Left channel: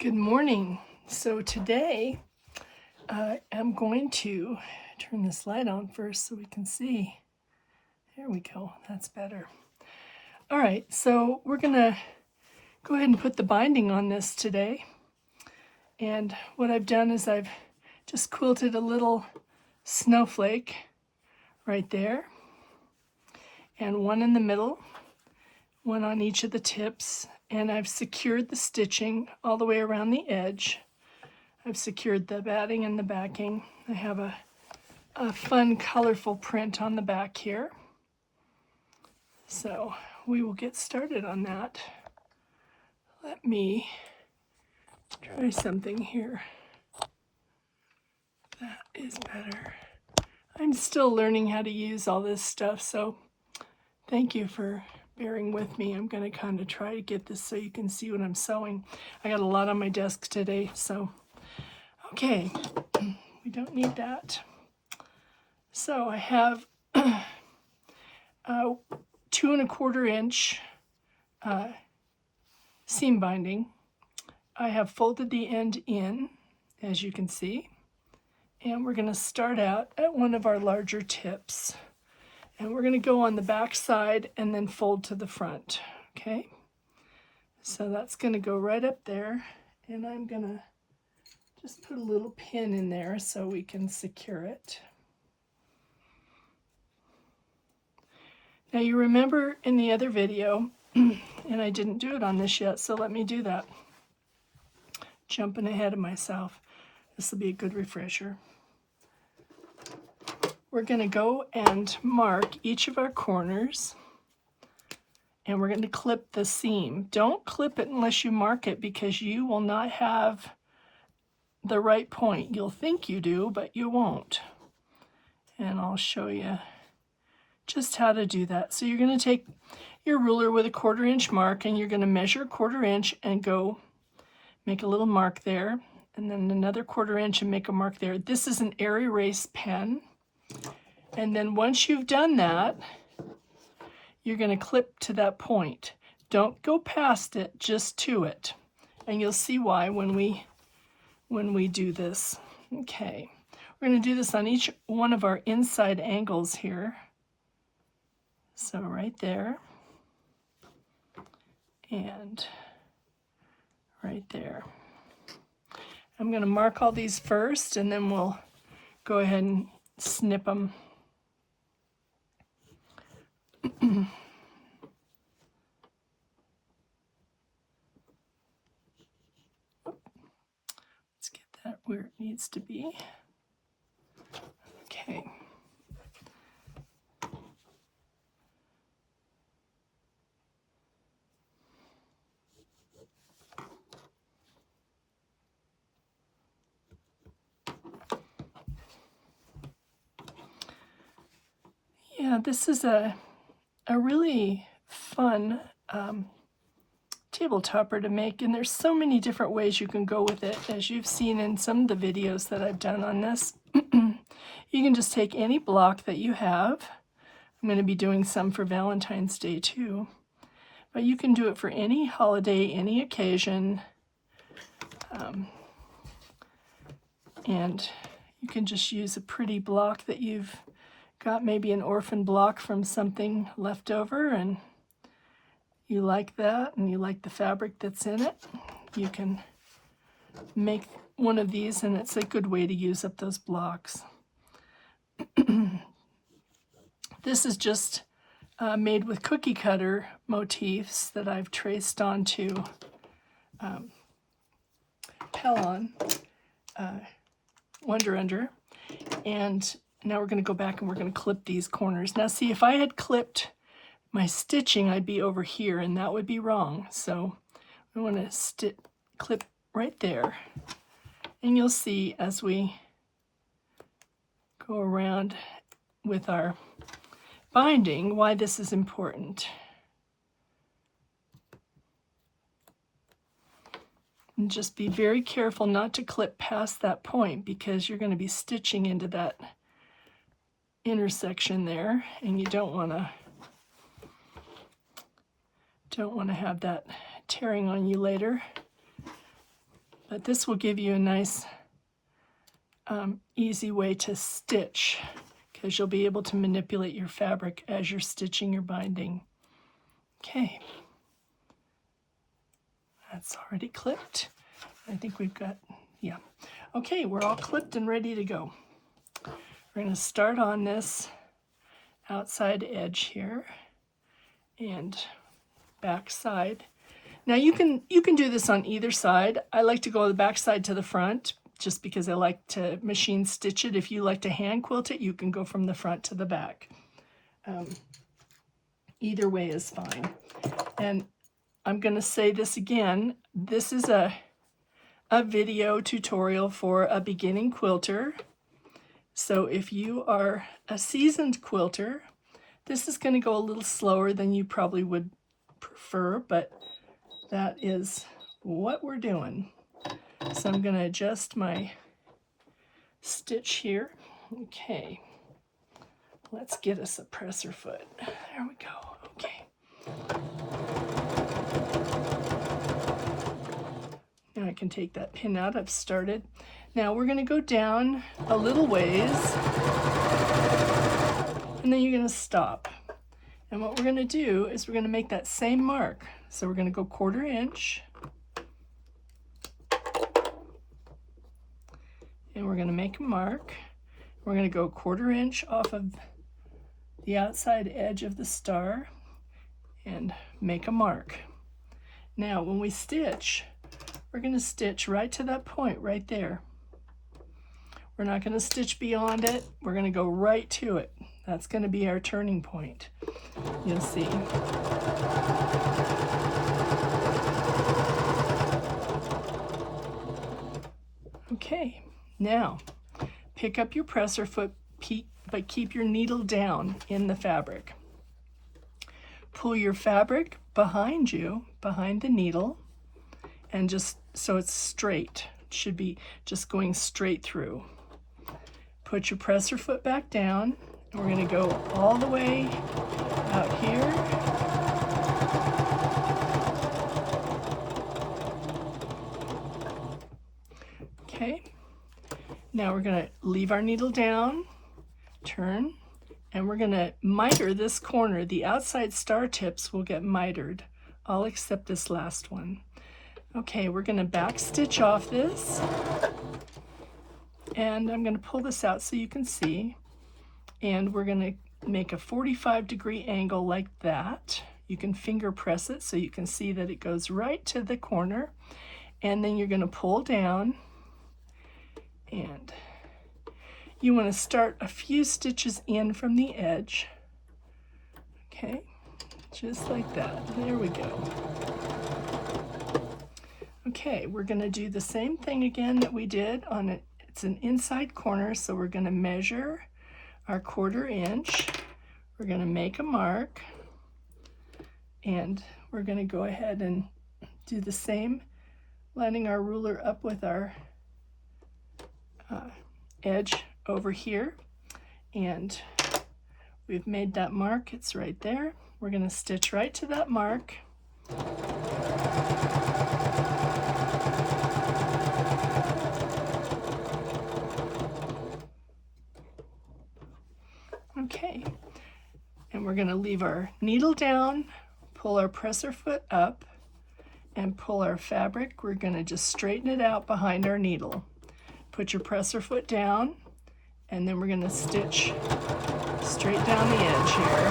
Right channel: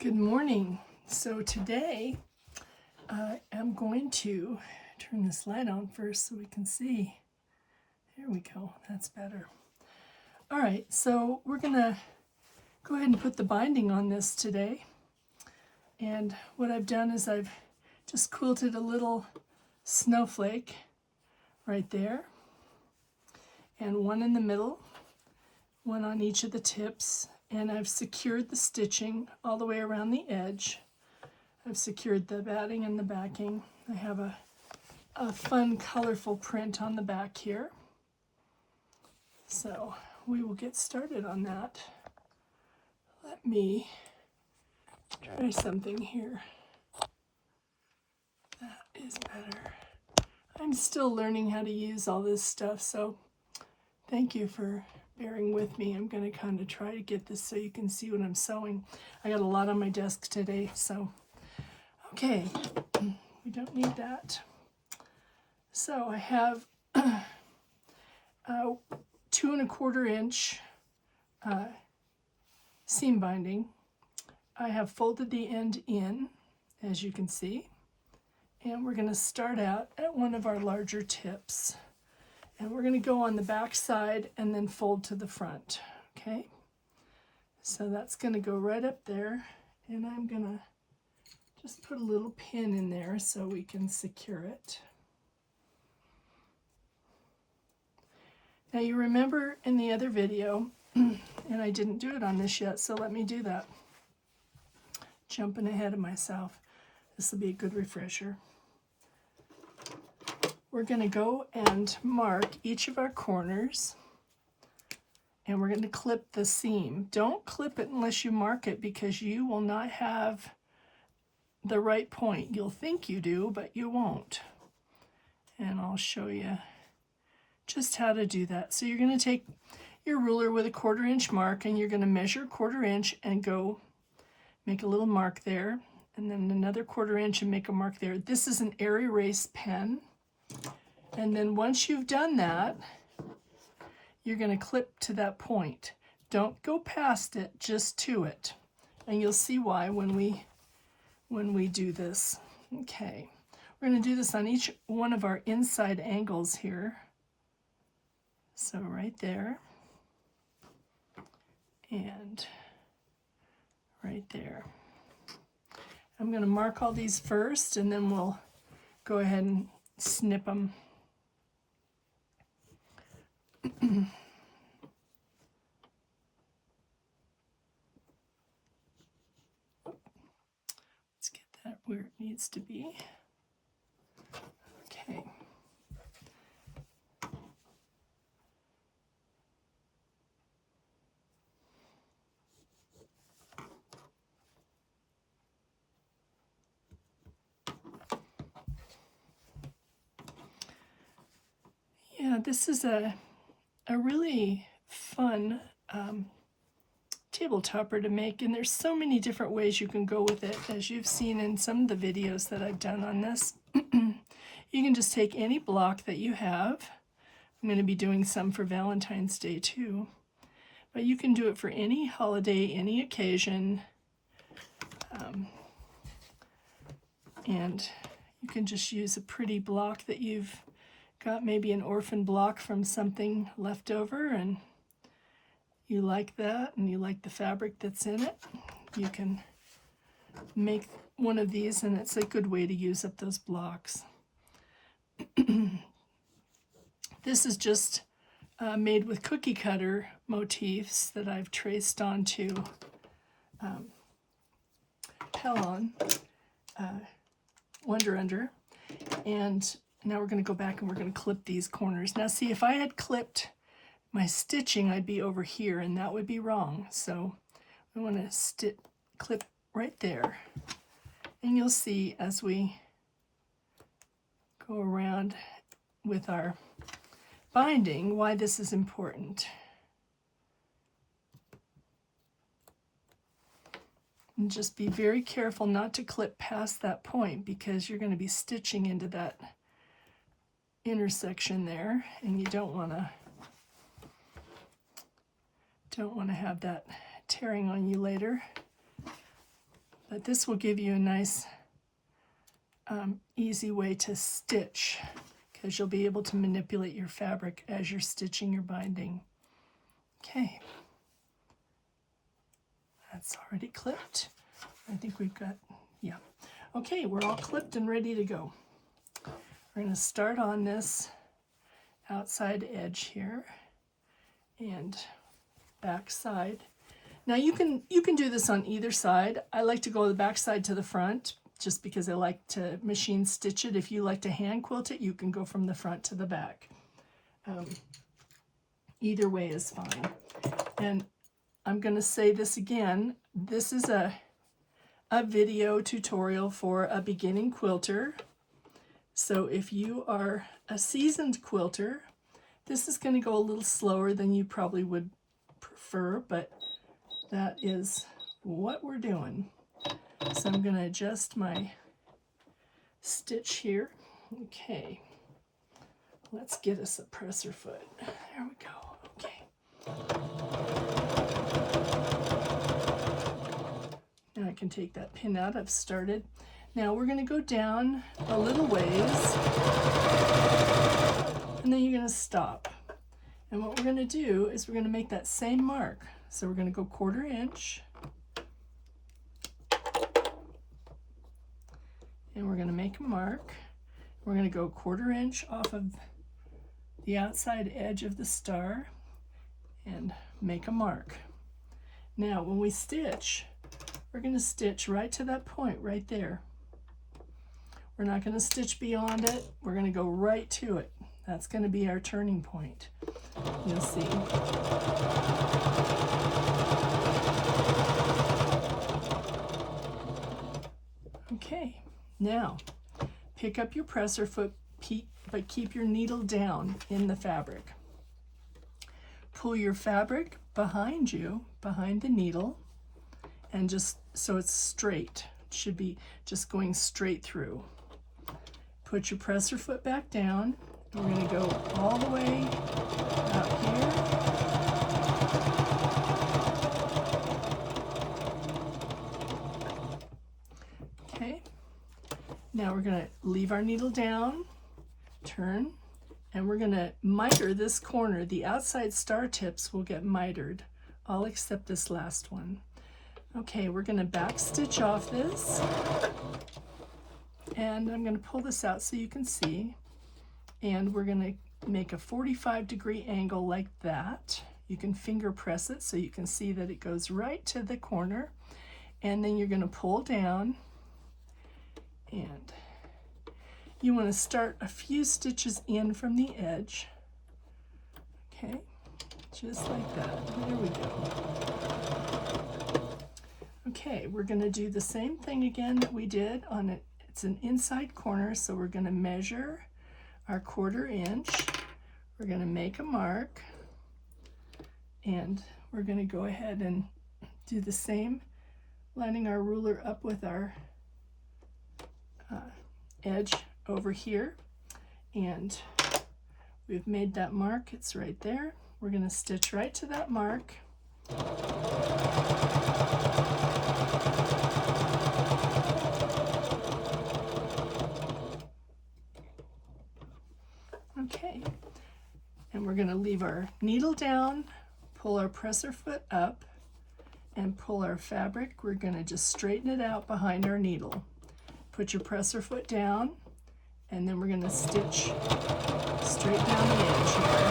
Good morning. So today I'm going to turn this light on first so we can see. There we go. That's better. All right, so we're going to go ahead and put the binding on this today. And what I've done is I've just quilted a little snowflake right there, and one in the middle, one on each of the tips, and I've secured the stitching all the way around the edge. I've secured the batting and the backing. I have a fun, colorful print on the back here. So we will get started on that. Let me try something here. That is better. I'm still learning how to use all this stuff, so thank you for bearing with me. I'm going to kind of try to get this so you can see what I'm sewing. I got a lot on my desk today, so okay, we don't need that. So I have 2 1/4 inch seam binding. I have folded the end in, as you can see, and we're going to start out at one of our larger tips, and we're going to go on the back side and then fold to the front. Okay, so that's going to go right up there, and I'm going to just put a little pin in there so we can secure it. Now you remember in the other video, and I didn't do it on this yet, so let me do that. Jumping ahead of myself. This will be a good refresher. We're going to go and mark each of our corners, and we're going to clip the seam. Don't clip it unless you mark it, because you will not have the right point. You'll think you do, but you won't. And I'll show you just how to do that. So you're going to take your ruler with a 1/4 inch mark, and you're going to measure 1/4 inch and go make a little mark there, and then another 1/4 inch and make a mark there. This is an air erase pen, and then once you've done that, you're going to clip to that point. Don't go past it, just to it, and you'll see why when we do this. Okay, we're going to do this on each one of our inside angles here. So right there, and right there. I'm going to mark all these first, and then we'll go ahead and snip them. Let's get that where it needs to be. Okay. Yeah, this is a really fun table topper to make, and there's so many different ways you can go with it, as you've seen in some of the videos that I've done on this. You can just take any block that you have. I'm going to be doing some for Valentine's Day too, but you can do it for any holiday, any occasion, and you can just use a pretty block that you've got, maybe an orphan block from something left over, and you like that, and you like the fabric that's in it. You can make one of these, and it's a good way to use up those blocks. This is just made with cookie cutter motifs that I've traced onto Pellon Wonder Under, and now we're going to go back and we're going to clip these corners. Now see, if I had clipped my stitching, I'd be over here, and that would be wrong. So I want to clip right there, and you'll see as we go around with our binding why this is important. And just be very careful not to clip past that point, because you're going to be stitching into that intersection there, and you don't want to have that tearing on you later. But this will give you a nice easy way to stitch, because you'll be able to manipulate your fabric as you're stitching your binding. Okay, that's already clipped. I think we've got, yeah. Okay, we're all clipped and ready to go. We're going to start on this outside edge here and back side. Now you can do this on either side. I like to go the back side to the front just because I like to machine stitch it. If you like to hand quilt it, you can go from the front to the back. Either way is fine. And I'm going to say this again. This is a video tutorial for a beginning quilter. So if you are a seasoned quilter, this is going to go a little slower than you probably would prefer, but that is what we're doing. So I'm going to adjust my stitch here. Okay, let's get us a presser foot. There we go. Okay. Now I can take that pin out. I've started. Now we're going to go down a little ways, and then you're going to stop. And what we're going to do is we're going to make that same mark. So we're going to go 1/4 inch, and we're going to make a mark. We're going to go 1/4 inch off of the outside edge of the star and make a mark. Now when we stitch, we're going to stitch right to that point right there. We're not going to stitch beyond it. We're going to go right to it. That's going to be our turning point. You'll see. Okay, now pick up your presser foot, but keep your needle down in the fabric. Pull your fabric behind you, behind the needle, and just so it's straight. It should be just going straight through. Put your presser foot back down. We're going to go all the way out here. Okay. Now we're going to leave our needle down, turn, and we're going to miter this corner. The outside star tips will get mitered, all except this last one. Okay, we're going to back stitch off this, and I'm going to pull this out so you can see, and we're going to make a 45-degree angle like that. You can finger press it so you can see that it goes right to the corner, and then you're going to pull down, and you want to start a few stitches in from the edge. Okay, just like that. There we go. Okay, we're going to do the same thing again that we did on it. It's an inside corner, so we're going to measure our 1/4 inch. We're going to make a mark, and we're going to go ahead and do the same, lining our ruler up with our edge over here, and we've made that mark. It's right there. We're going to stitch right to that mark. Okay, and we're going to leave our needle down, pull our presser foot up, and pull our fabric. We're going to just straighten it out behind our needle. Put your presser foot down, and then we're going to stitch straight down the edge here.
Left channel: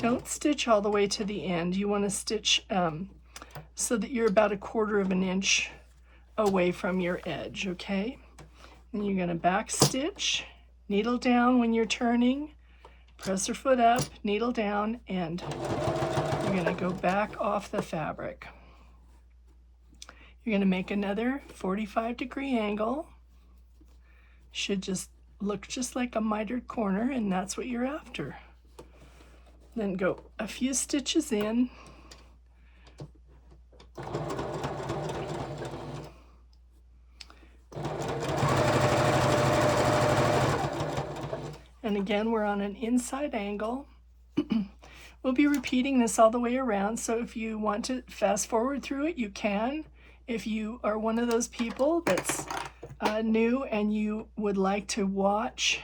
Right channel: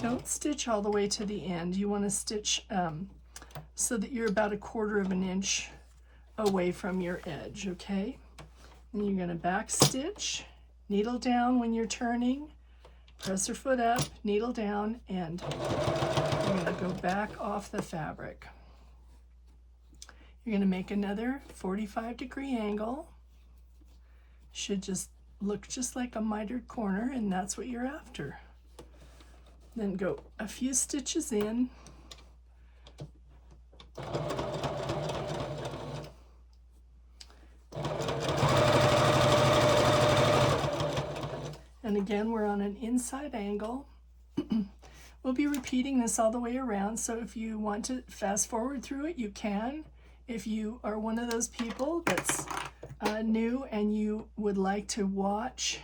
Don't stitch all the way to the end. You want to stitch so that you're about 1/4 inch away from your edge, okay? Then you're going to back stitch, needle down when you're turning, presser foot up, needle down, and you're going to go back off the fabric. You're going to make another 45-degree angle. Should just look just like a mitered corner, and that's what you're after. Then go a few stitches in. And again, we're on an inside angle. We'll be repeating this all the way around, so if you want to fast forward through it, you can. If you are one of those people that's new and you would like to watch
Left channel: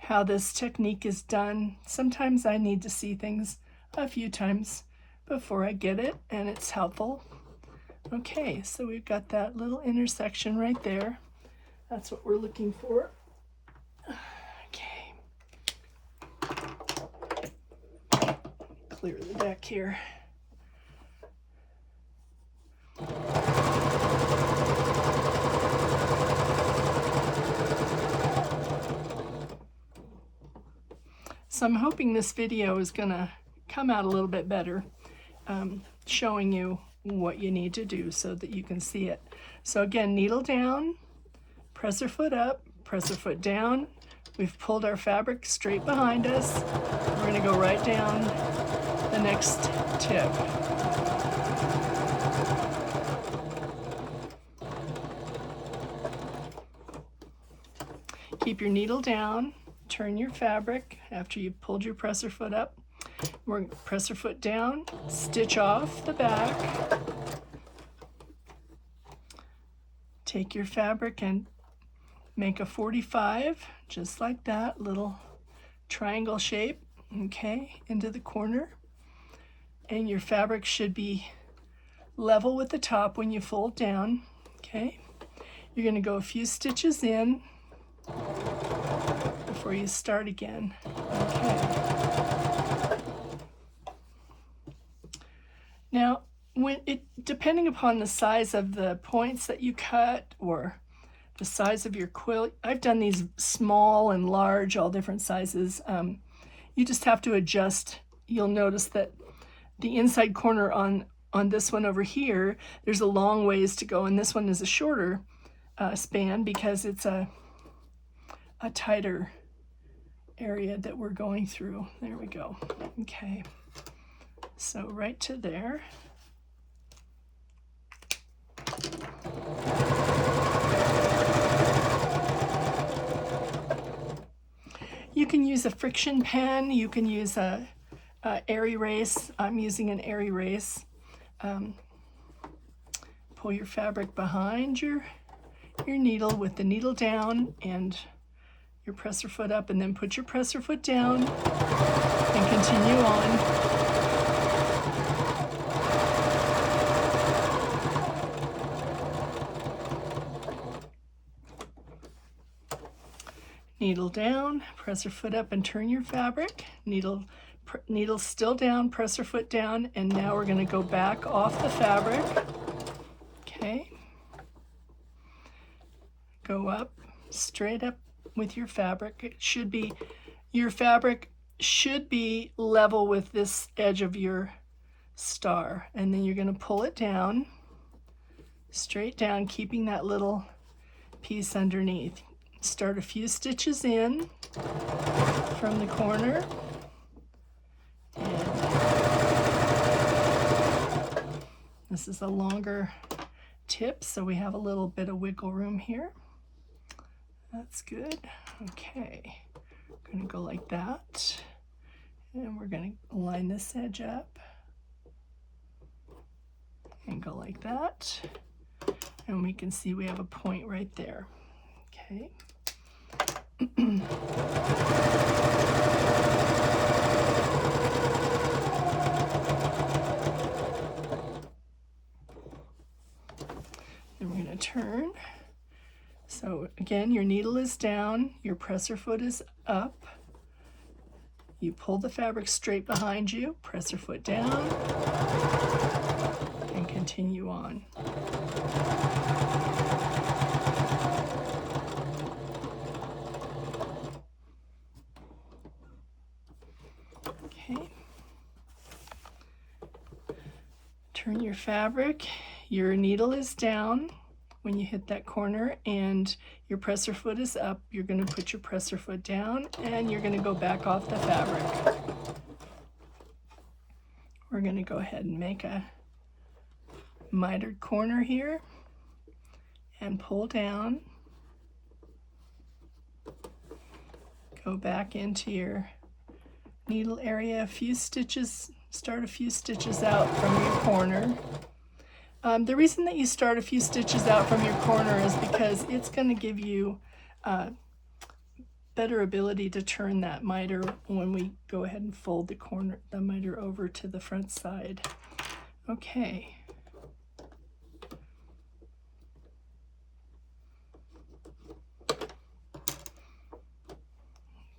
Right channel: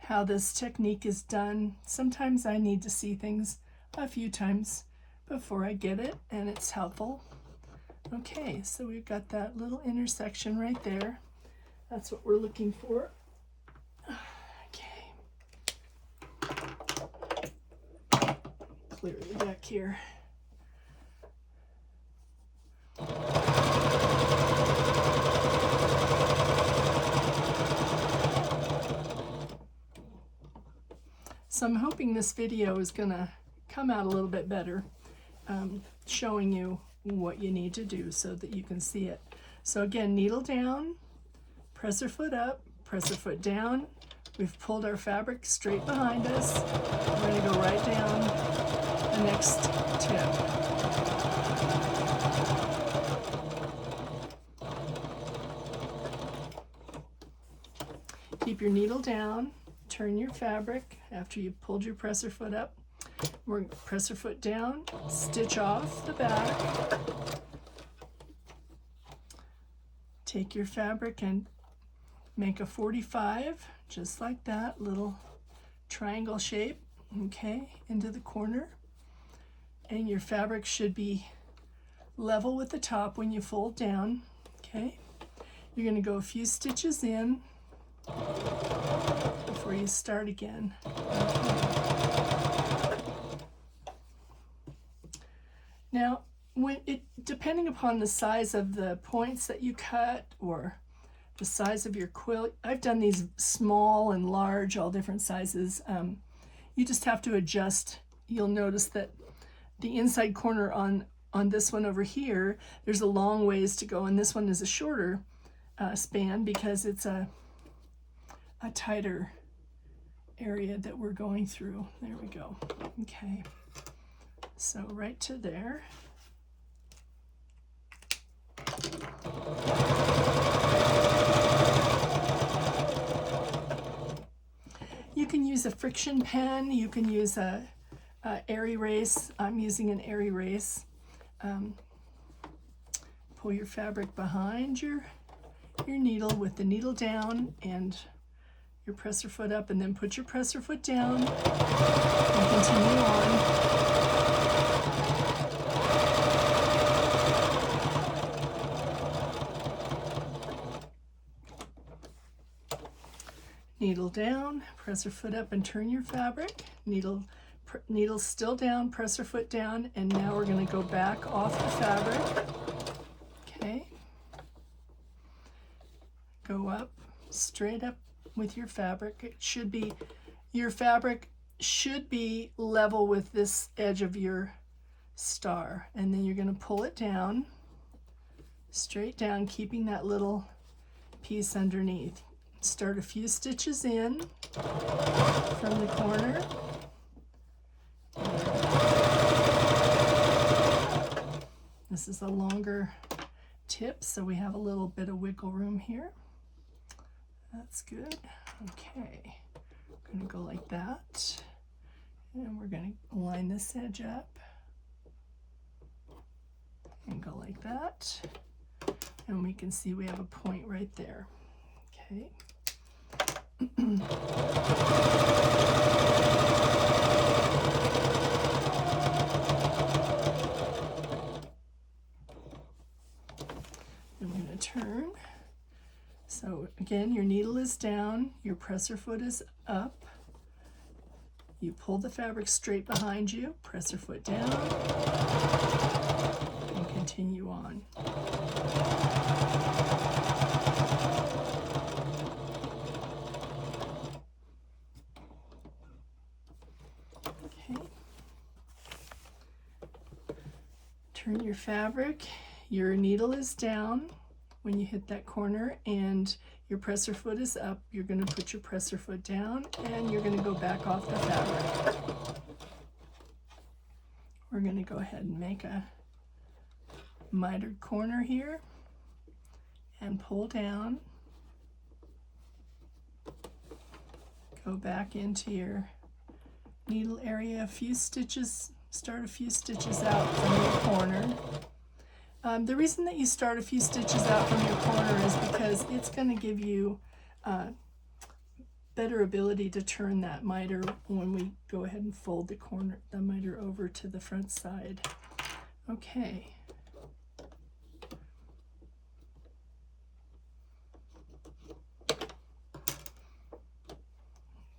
how this technique is done, sometimes I need to see things a few times before I get it, and it's helpful. Okay, so we've got that little intersection right there. That's what we're looking for. Okay. Clear the deck here. So I'm hoping this video is going to come out a little bit better, showing you what you need to do so that you can see it. So again, needle down, presser foot up, presser foot down. We've pulled our fabric straight behind us. We're going to go right down the next tip. Keep your needle down, turn your fabric after you've pulled your presser foot up. We're going to presser foot down, stitch off the back. Take your fabric and make a 45, just like that, little triangle shape, okay, into the corner. And your fabric should be level with the top when you fold down, okay. You're going to go a few stitches in before you start again. Okay. Now, depending upon the size of the points that you cut or the size of your quilt, I've done these small and large, all different sizes. You just have to adjust. You'll notice that the inside corner on this one over here, there's a long ways to go, and this one is a shorter span because it's a tighter area that we're going through. There we go. Okay, so right to there. You can use a friction pen, you can use a air erase. I'm using an air erase. Pull your fabric behind your needle with the needle down and your presser foot up, and then put your presser foot down and continue on. Needle down, presser foot up, and turn your fabric. Needle still down, presser foot down, and now we're going to go back off the fabric. Okay. Go up, straight up with your fabric. Your fabric should be level with this edge of your star, and then you're going to pull it down, straight down, keeping that little piece underneath. Start a few stitches in from the corner. This is a longer tip, so we have a little bit of wiggle room here. That's good. Okay, I'm going to go like that, and we're going to line this edge up and go like that, and we can see we have a point right there. Okay. And we're going to turn. So again, your needle is down, your presser foot is up. You pull the fabric straight behind you, presser foot down, and continue on. Turn your fabric, your needle is down when you hit that corner, and your presser foot is up. You're going to put your presser foot down, and you're going to go back off the fabric. We're going to go ahead and make a mitered corner here and pull down. Go back into your needle area a few stitches, start a few stitches out from your corner. The reason that you start a few stitches out from your corner is because it's going to give you better ability to turn that miter when we go ahead and fold the miter over to the front side. Okay.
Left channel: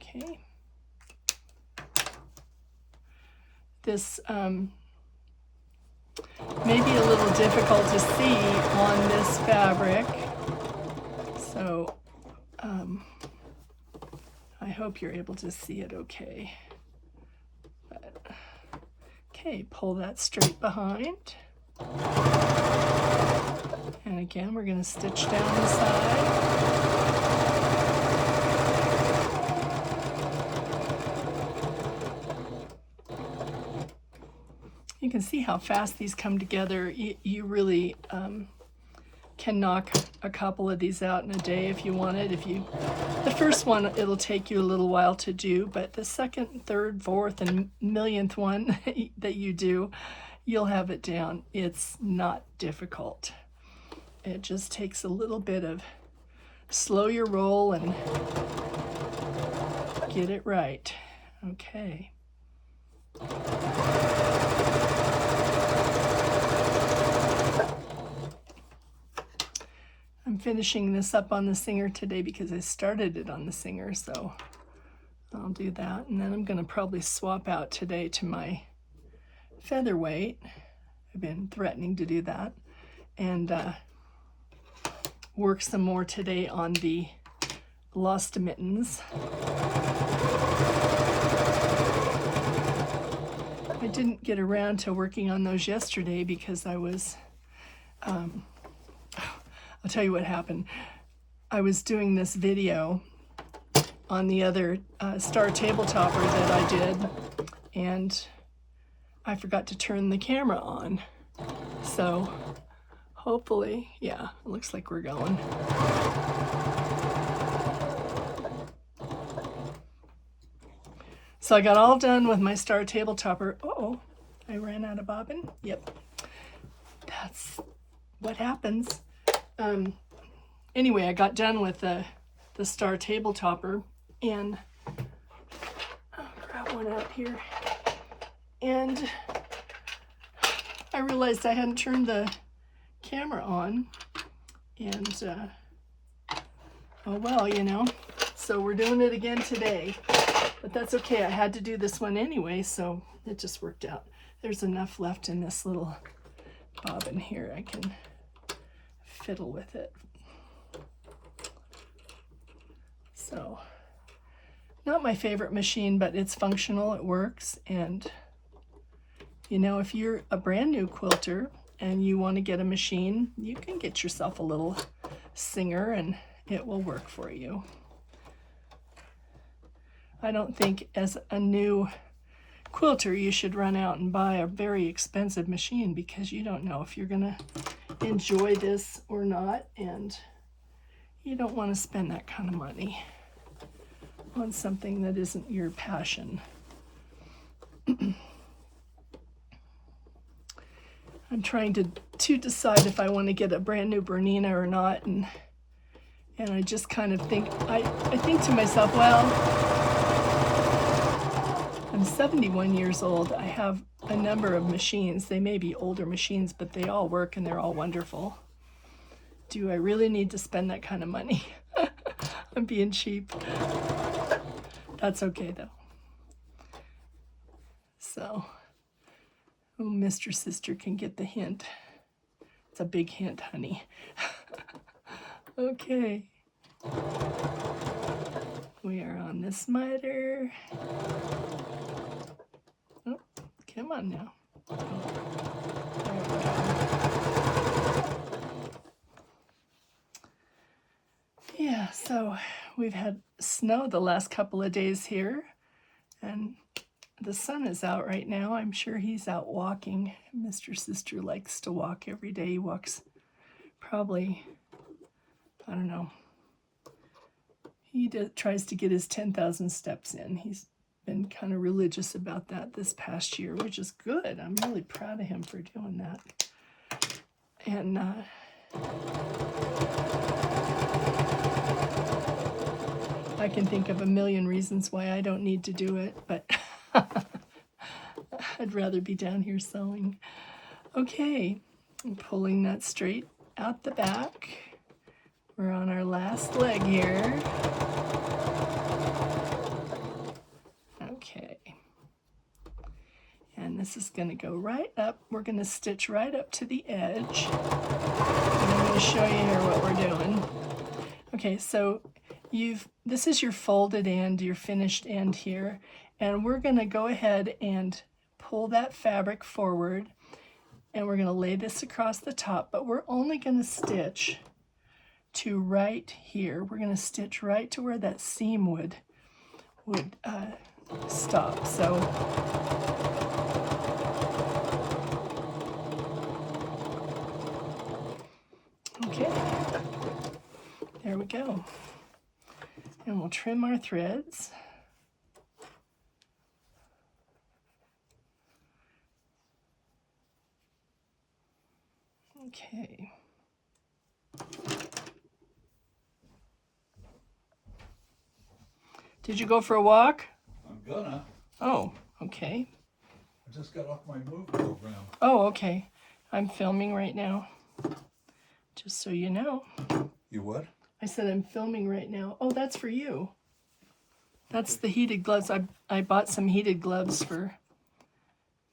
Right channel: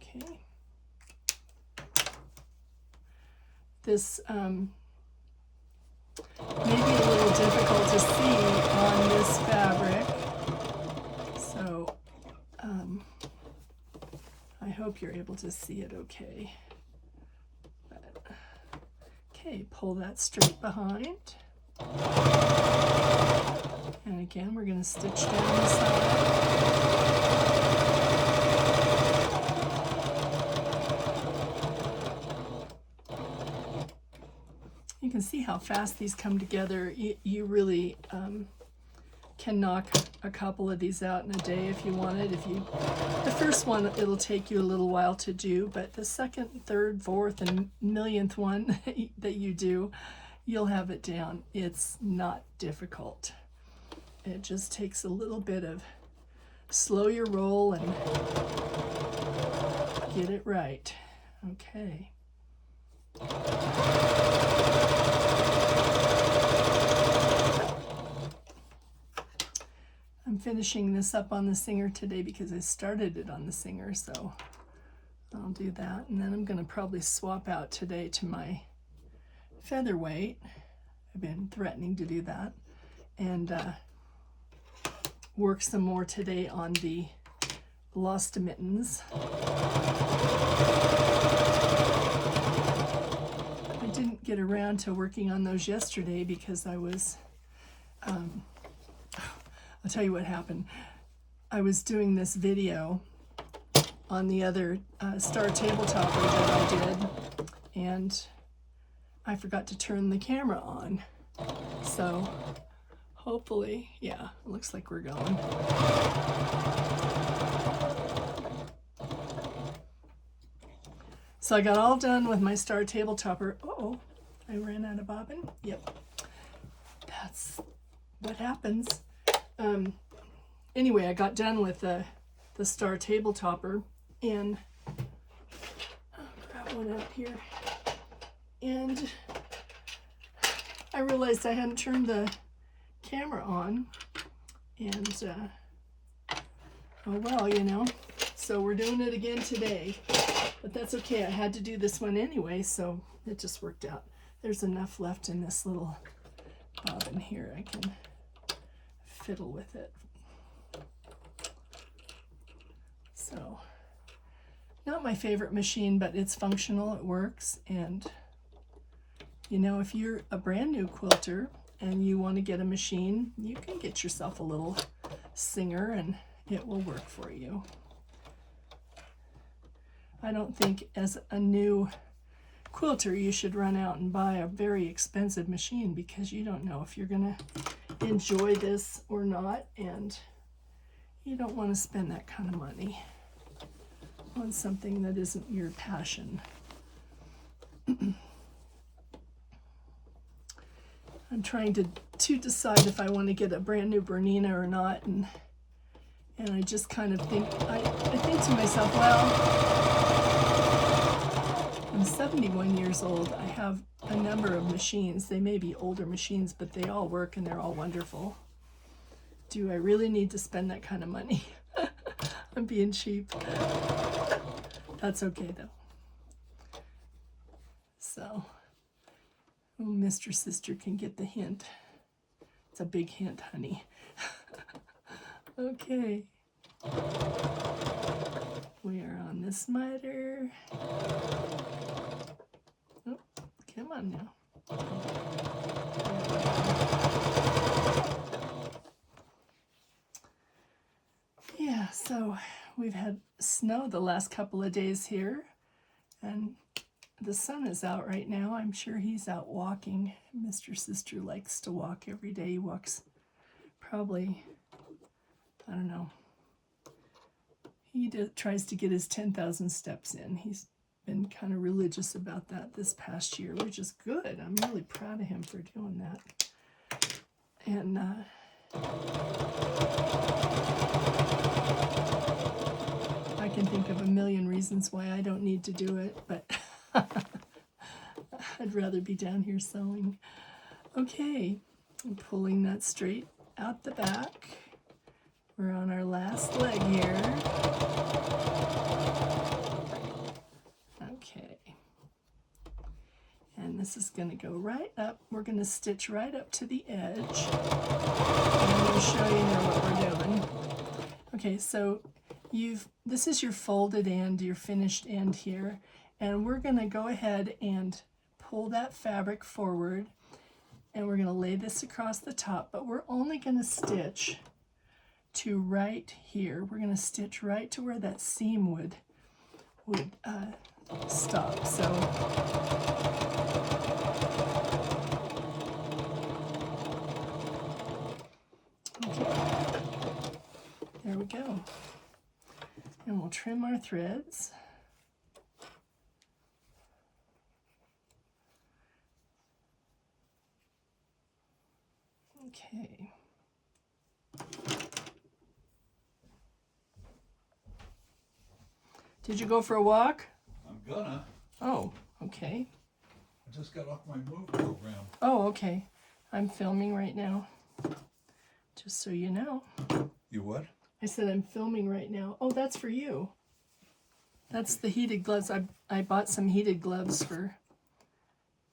Okay. This may be a little difficult to see on this fabric, so I hope you're able to see it okay. But, okay, pull that straight behind. And again, we're going to stitch down the side. You can see how fast these come together. You really can knock a couple of these out in a day if you wanted. The first one, it'll take you a little while to do, but the second, third, fourth, and millionth one that you do, you'll have it down. It's not difficult. It just takes a little bit of slow your roll and get it right. Okay. I'm finishing this up on the Singer today because I started it on the Singer, so I'll do that. And then I'm going to probably swap out today to my featherweight. I've been threatening to do that. And work some more today on the Lost Mittens. I didn't get around to working on those yesterday because I was... I'll tell you what happened. I was doing this video on the other star tabletopper that I did, and I forgot to turn the camera on. So hopefully, yeah, it looks like we're going. So I got all done with my star tabletopper. Uh-oh, I ran out of bobbin. Yep, that's what happens. Anyway, I got done with the star tabletopper, and I'll grab one out here, and I realized I hadn't turned the camera on, and oh well, you know, so we're doing it again today, but that's okay. I had to do this one anyway, so it just worked out. There's enough left in this little bobbin here. I can fiddle with it. So, not my favorite machine, but it's functional, it works. And you know, if you're a brand new quilter and you want to get a machine, you can get yourself a little Singer and it will work for you. I don't think as a new quilter you should run out and buy a very expensive machine, because you don't know if you're gonna enjoy this or not, and you don't want to spend that kind of money on something that isn't your passion. I'm trying to decide if I want to get a brand new Bernina or not, and I just kind of think, I think to myself, well, I'm 71 years old. I have a number of machines. They may be older machines, but they all work and they're all wonderful. Do I really need to spend that kind of money? I'm being cheap. That's okay though. So, oh, Mr. Sister can get the hint. It's a big hint, honey. Okay. We are on this miter. Oh, come on now. Yeah, so we've had snow the last couple of days here, and the sun is out right now. I'm sure he's out walking. Mr. Sister likes to walk every day. He walks probably, I don't know. He tries to get his 10,000 steps in. He's been kind of religious about that this past year, which is good. I'm really proud of him for doing that. And I can think of a million reasons why I don't need to do it, but I'd rather be down here sewing. Okay, I'm pulling that straight out the back. We're on our last leg here. Okay. And this is going to go right up. We're going to stitch right up to the edge. And I'm going to show you here what we're doing. Okay, so this is your folded end, your finished end here. And we're going to go ahead and pull that fabric forward. And we're going to lay this across the top, but we're only going to stitch to right here. We're going to stitch right to where that seam would stop. So okay, there we go. And we'll trim our threads. Okay. Did you go for a walk? I'm gonna. Oh, okay. I just got off my move program. Oh, okay. I'm filming right now. Just so you know. You what? I said I'm filming right now. Oh, that's for you. That's the heated gloves. I bought some heated gloves for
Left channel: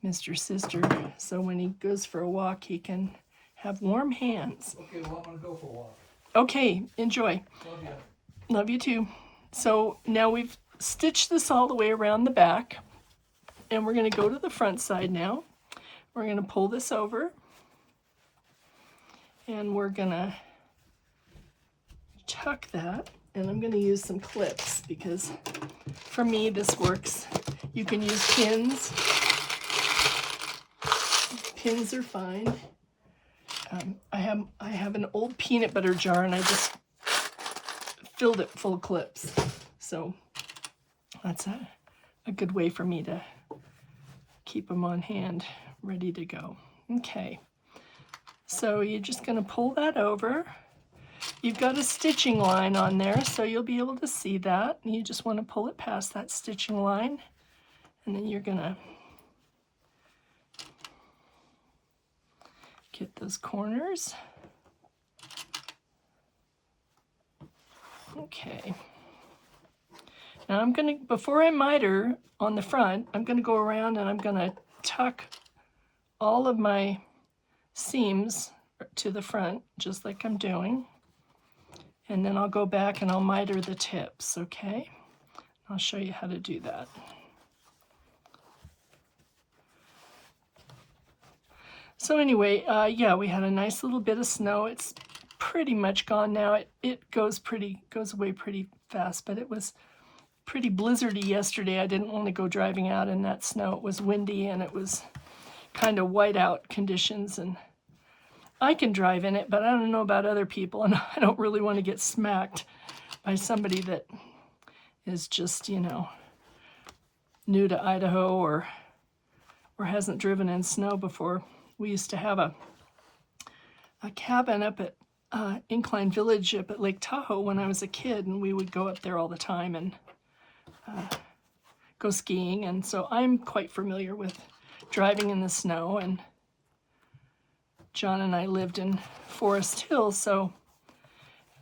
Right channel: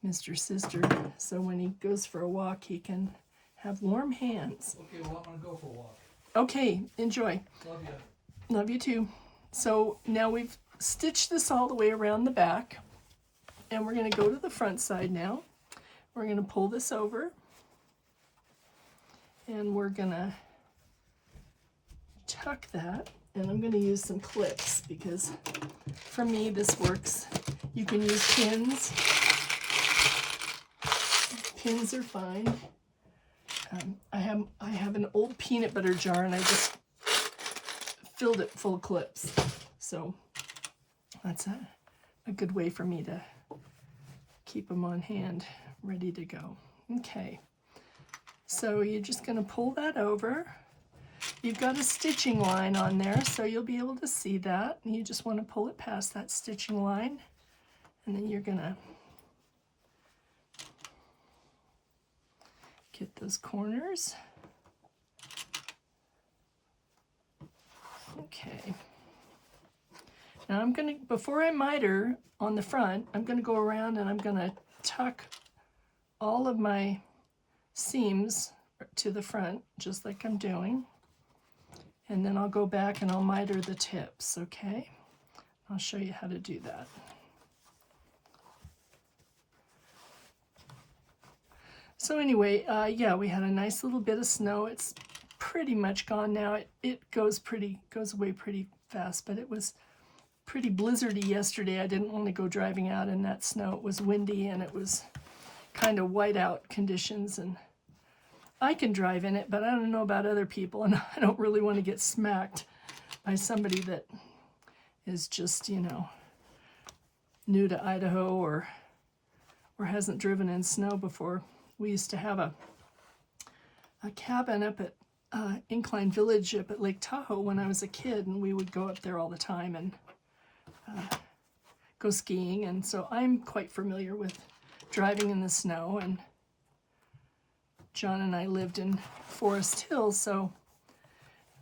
Mr. Sister, so when he goes for a walk, he can have warm hands. Okay, well, I'm gonna go for a walk. Okay, enjoy. Love you. Love you too. So now we've stitched this all the way around the back, and we're going to go to the front side now. We're going to pull this over, and we're going to tuck that, and I'm going to use some clips because for me this works. You can use pins. Pins are fine. I have an old peanut butter jar, and I just filled it full of clips. So that's a good way for me to keep them on hand, ready to go. Okay, so you're just going to pull that over. You've got a stitching line on there, so you'll be able to see that. You just want to pull it past that stitching line, and then you're going to get those corners. Okay. Now I'm going to, before I miter on the front, I'm going to go around and I'm going to tuck all of my seams to the front, just like I'm doing. And then I'll go back and I'll miter the tips, okay? I'll show you how to do that. So anyway, yeah, we had a nice little bit of snow. It's pretty much gone now. It goes away pretty fast, but it was pretty blizzardy yesterday. I didn't want to go driving out in that snow. It was windy and it was kind of whiteout conditions, and I can drive in it, but I don't know about other people, and I don't really want to get smacked by somebody that is just, you know, new to Idaho or hasn't driven in snow before. We used to have a cabin up at Incline Village up at Lake Tahoe when I was a kid, and we would go up there all the time and go skiing, and so I'm quite familiar with driving in the snow. And John and I lived in Forest Hill, so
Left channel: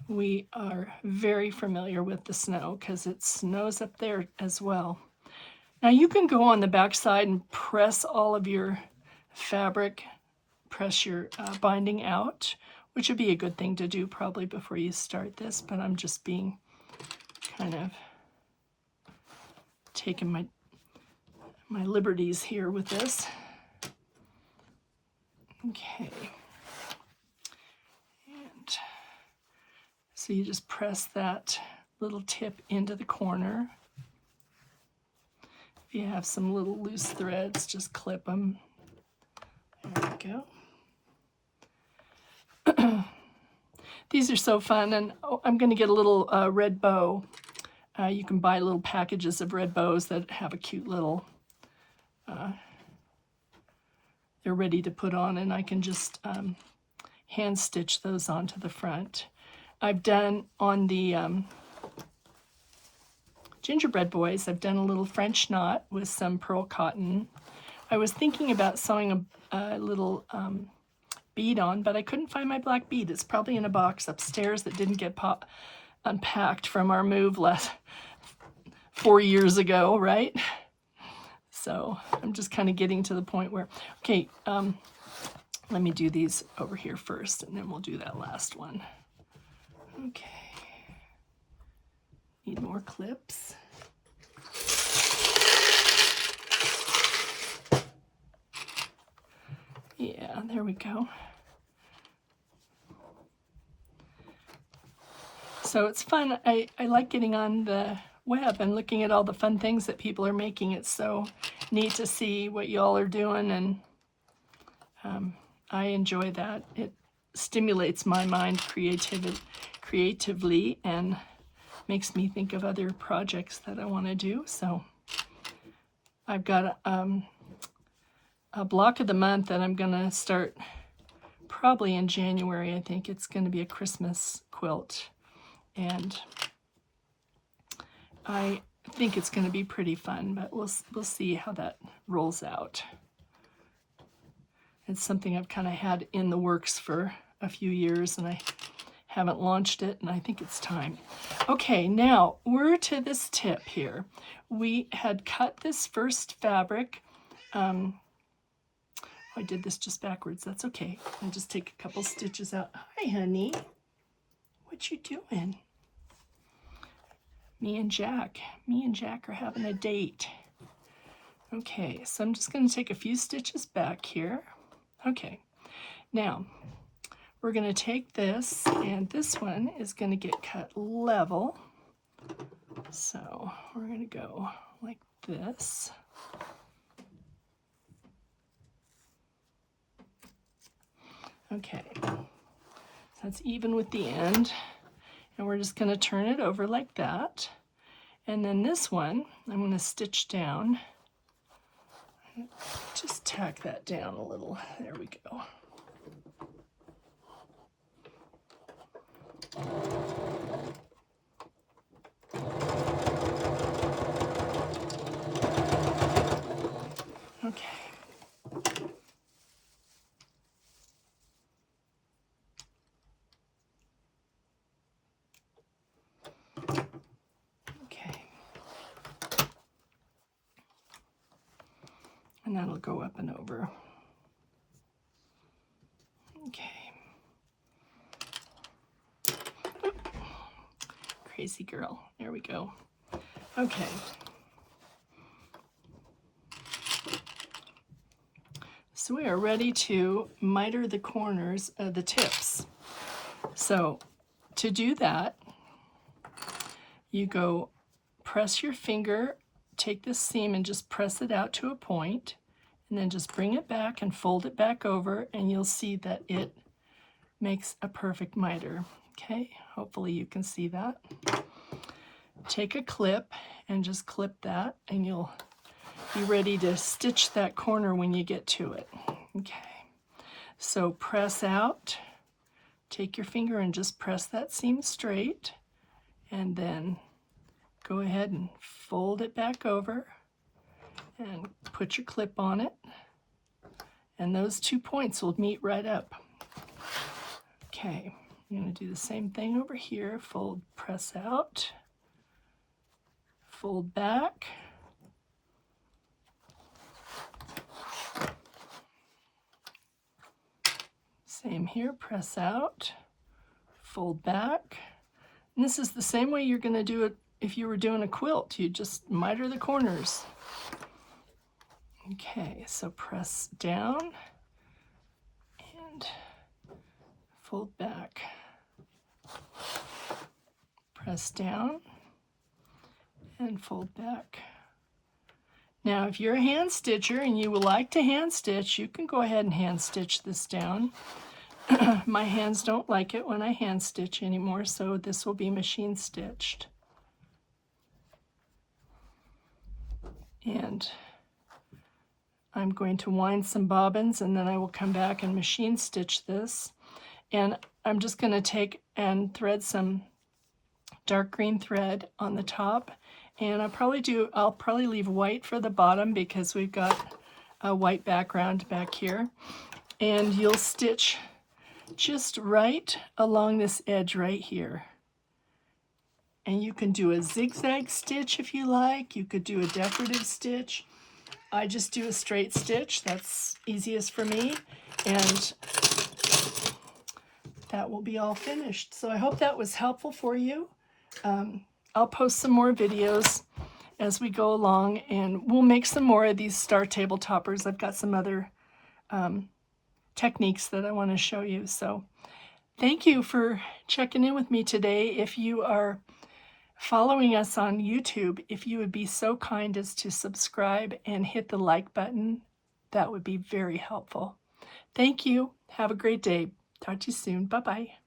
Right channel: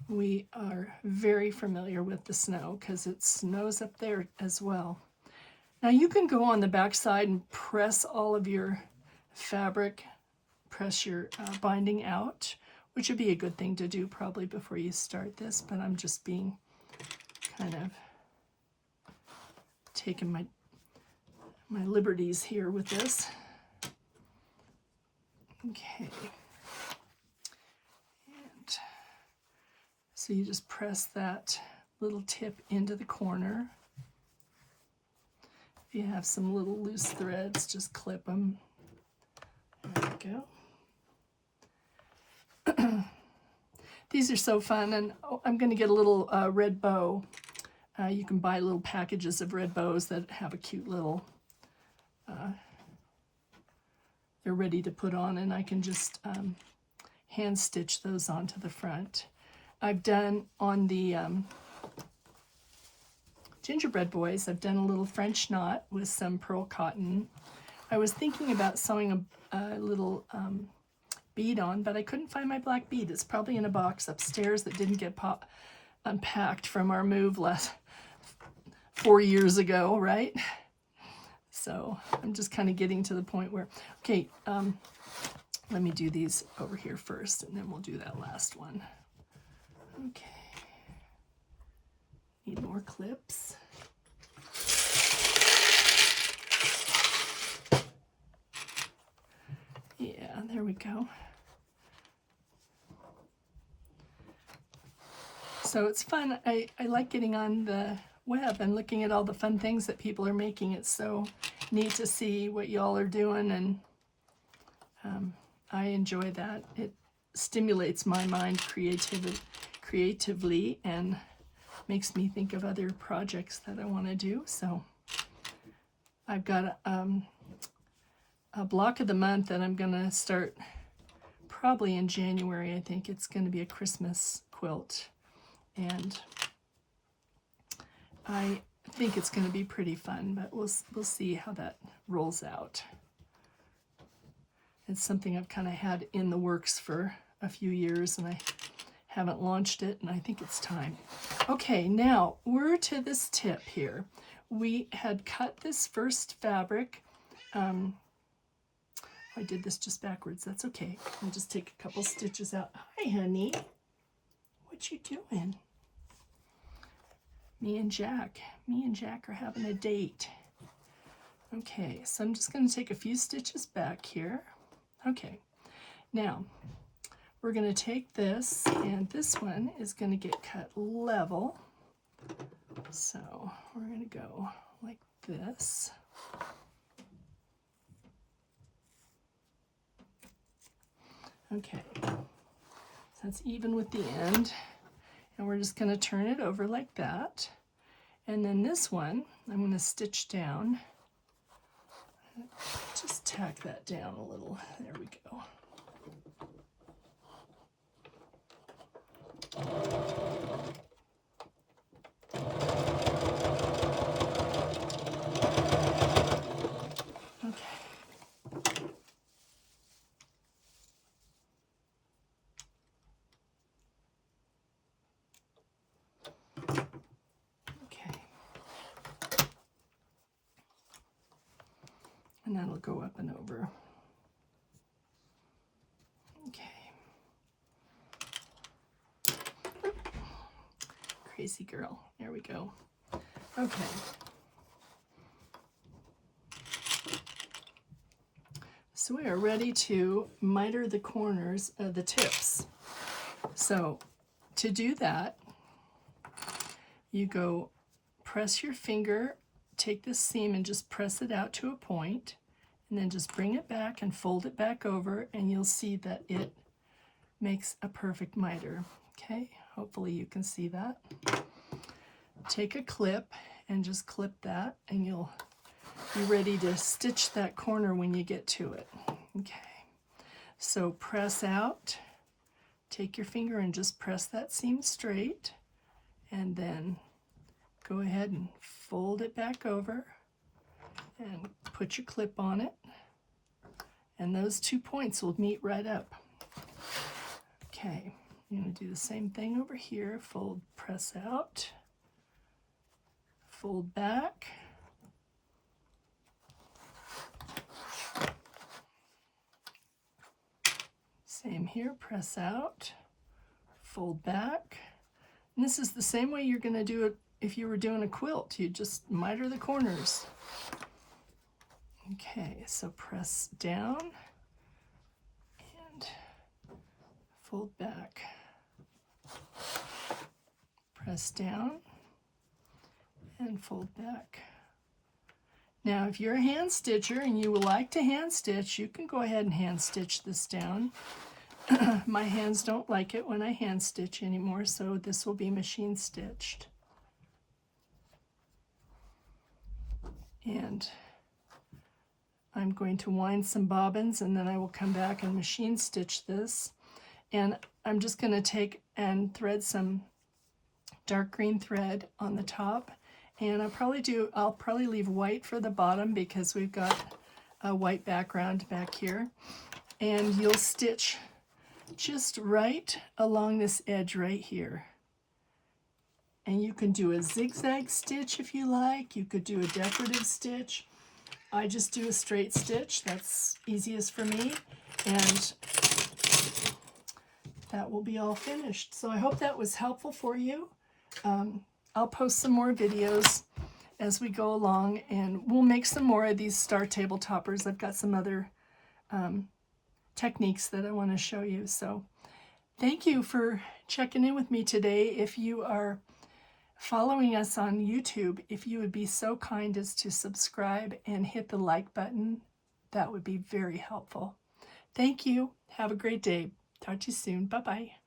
we are very familiar with the snow because it snows up there as well. Now you can go on the back side and press all of your fabric, press your binding out, which would be a good thing to do probably before you start this, but I'm just being kind of taking my liberties here with this. Okay. And so you just press that little tip into the corner. If you have some little loose threads, just clip them. There we go. These are so fun, and I'm going to get a little red bow You can buy little packages of red bows that have a cute little, they're ready to put on, and I can just hand stitch those onto the front. I've done on the gingerbread boys, I've done a little French knot with some pearl cotton. I was thinking about sewing a little bead on, but I couldn't find my black bead. It's probably in a box upstairs that didn't get unpacked from our move 4 years ago, right? So I'm just kind of getting to the point where, okay, let me do these over here first, and then we'll do that last one. Okay. Need more clips. Yeah, there we go. So it's fun. I like getting on the web and looking at all the fun things that people are making. It's so neat to see what y'all are doing, and I enjoy that. It stimulates my mind creatively and makes me think of other projects that I want to do. So I've got a block of the month that I'm going to start probably in January. I think it's going to be a Christmas quilt, and I think it's going to be pretty fun, but we'll see how that rolls out. It's something I've kind of had in the works for a few years, and I haven't launched it, and I think it's time. Okay, now we're to this tip here. We had cut this first fabric. I did this just backwards. That's okay. I'll just take a couple stitches out. Hi, honey. What you doing? Me and Jack are having a date. Okay, so I'm just going to take a few stitches back here. Okay, now we're going to take this, and this one is going to get cut level. So we're going to go like this. Okay, that's even with the end, and we're just going to turn it over like that. And then this one, I'm going to stitch down. Just tack that down a little. There we go. Okay. And that'll go up and over. Okay. Crazy girl. There we go. Okay. So we are ready to miter the corners of the tips. So to do that, you go press your finger, take this seam and just press it out to a point, and then just bring it back and fold it back over, and you'll see that it makes a perfect miter. Okay, hopefully you can see that. Take a clip and just clip that, and you'll be ready to stitch that corner when you get to it. Okay, so press out, take your finger and just press that seam straight, and then go ahead and fold it back over and put your clip on it, and those 2 points will meet right up. Okay, I'm going to do the same thing over here. Fold, press out, fold back, same here, press out, fold back. And this is the same way you're going to do it if you were doing a quilt. You just miter the corners. Okay, so press down and fold back. Press down and fold back. Now, if you're a hand stitcher and you would like to hand stitch, you can go ahead and hand stitch this down. My hands don't like it when I hand stitch anymore, so this will be machine stitched. And I'm going to wind some bobbins, and then I will come back and machine stitch this. And I'm just going to take and thread some dark green thread on the top, and I'll probably leave white for the bottom because we've got a white background back here. And you'll stitch just right along this edge right here. And you can do a zigzag stitch if you like. You could do a decorative stitch. I just do a straight stitch. That's easiest for me. And that will be all finished. So I hope that was helpful for you. I'll post some more videos as we go along, and we'll make some more of these star table toppers. I've got some other techniques that I want to show you. So thank you for checking in with me today. If you are following us on YouTube, if you would be so kind as to subscribe and hit the like button, that would be very helpful. Thank you. Have a great day. Talk to you soon. Bye-bye.